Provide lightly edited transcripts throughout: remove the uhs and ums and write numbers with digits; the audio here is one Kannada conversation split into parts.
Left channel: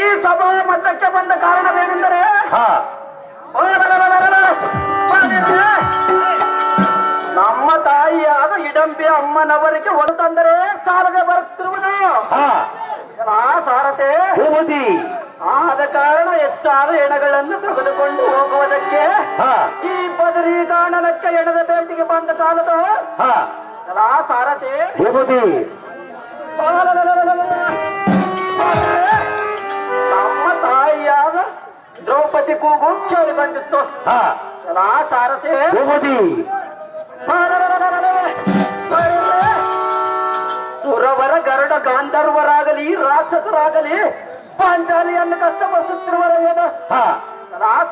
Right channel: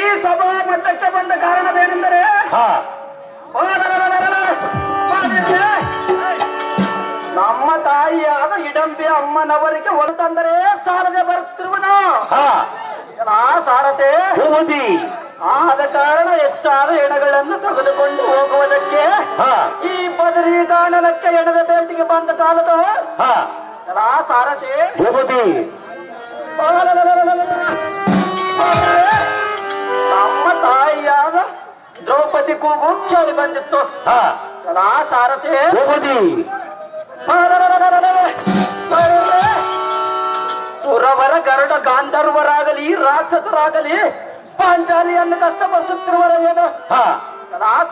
ಈ ಸಭಾ ಮಟ್ಟಕ್ಕೆ ಬಂದ ಕಾರಣವೇನೆಂದರೆ ಹಾ ನಮ್ಮ ತಾಯಿಯಾದ ಇಡಂಬಿ ಅಮ್ಮನವರಿಗೆ ಹೊರತಂದರೆ ಸಾರದೆ ಬರುತ್ತಿರುವುದು. ಸಾರತೆ ಭೂಮತಿ ಆದ ಕಾರಣ ಹೆಚ್ಚಾದ ಎಣಗಳನ್ನು ತೆಗೆದುಕೊಂಡು ಹೋಗುವುದಕ್ಕೆ ಈ ಬದರಿ ಕಾರಣಕ್ಕೆ ಎಣದ ಬೇಟಿಗೆ ಬಂದ ಕಾಲದ ಸಾರತೆ ಭೂಮತಿ ನಮ್ಮ ತಾಯಿಯಾದ ದ್ರೌಪದಿ ಕೂಗು ಕೇಳಿ ಬಂದಿತ್ತು. ಸಾರಥಿ ಸುರವರ ಗರುಡ ಗಾಂಧರ್ವರಾಗಲಿ ರಾಕ್ಷಸರಾಗಲಿ ಪಾಂಚಾಲಿಯನ್ನು ಕಷ್ಟಪಡಿಸುತ್ತಿರುವರ ಏನು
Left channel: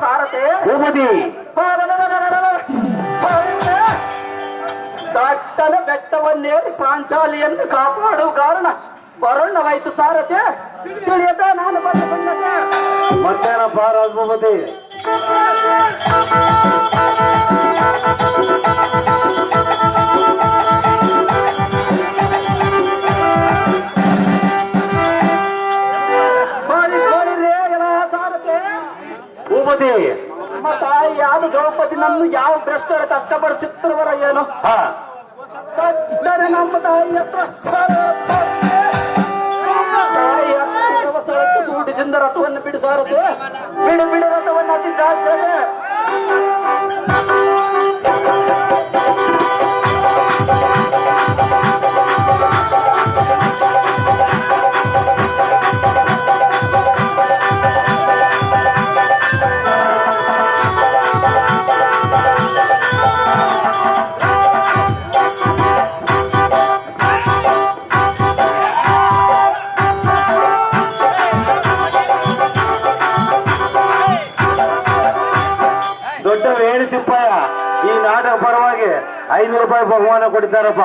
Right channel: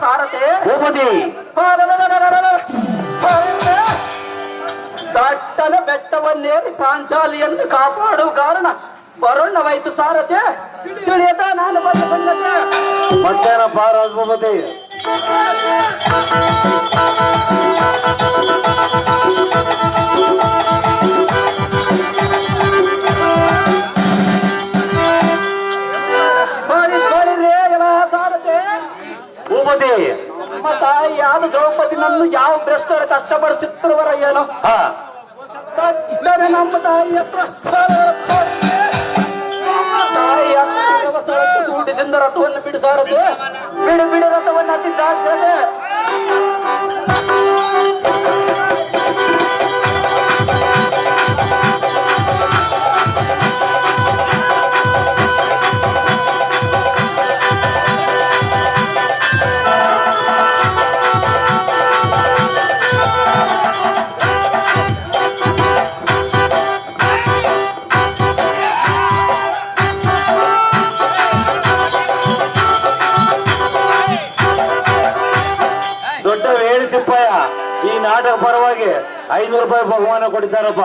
ಸಾರಥಿ ದಟ್ಟನ ಬೆಟ್ಟವನ್ನೇರಿ ಪಾಂಚಾಲಿಯನ್ನು ಕಾಪಾಡುವ ಕಾರಣ ಬರೋಣವಾಯ್ತು ಸಾರಥಿ. ತಿಳಿಯದ ನಾನು ಬಂದ ಬಂದತೆ ಮಧ್ಯಾಹ್ನ ಪಾರಾಜ್ ಭೂಮತಿ ಭೂಮತಿ ನಮ್ಮ ತಾಯಿ ಯಾವುದು ದ್ರೌಪದಿನನ್ನು ಯಾವ ಭ್ರಷ್ಟರು ಕಷ್ಟಪಡಿಸುತ್ತಿರುವರ ಏನು ನಮ್ಮ ತಾಯಿ ಸೂಟಿದಿಂದ ರಥವನ್ನು ಬಿಡಿಸಾರದೆ ಬಿಡು ಬಿಡು ರಥವನ್ನು ಹತ್ತಿದ್ದಾಗ್ತದೆ. ದೊಡ್ಡ ಹೇಳಿಸಿಪ್ಪ ಈ ನಾಟಕ ಪರವಾಗಿ 500 ರೂಪಾಯಿ ಬಹುಮಾನ ಕೊಟ್ಟಿದ್ದಾರಪ್ಪ.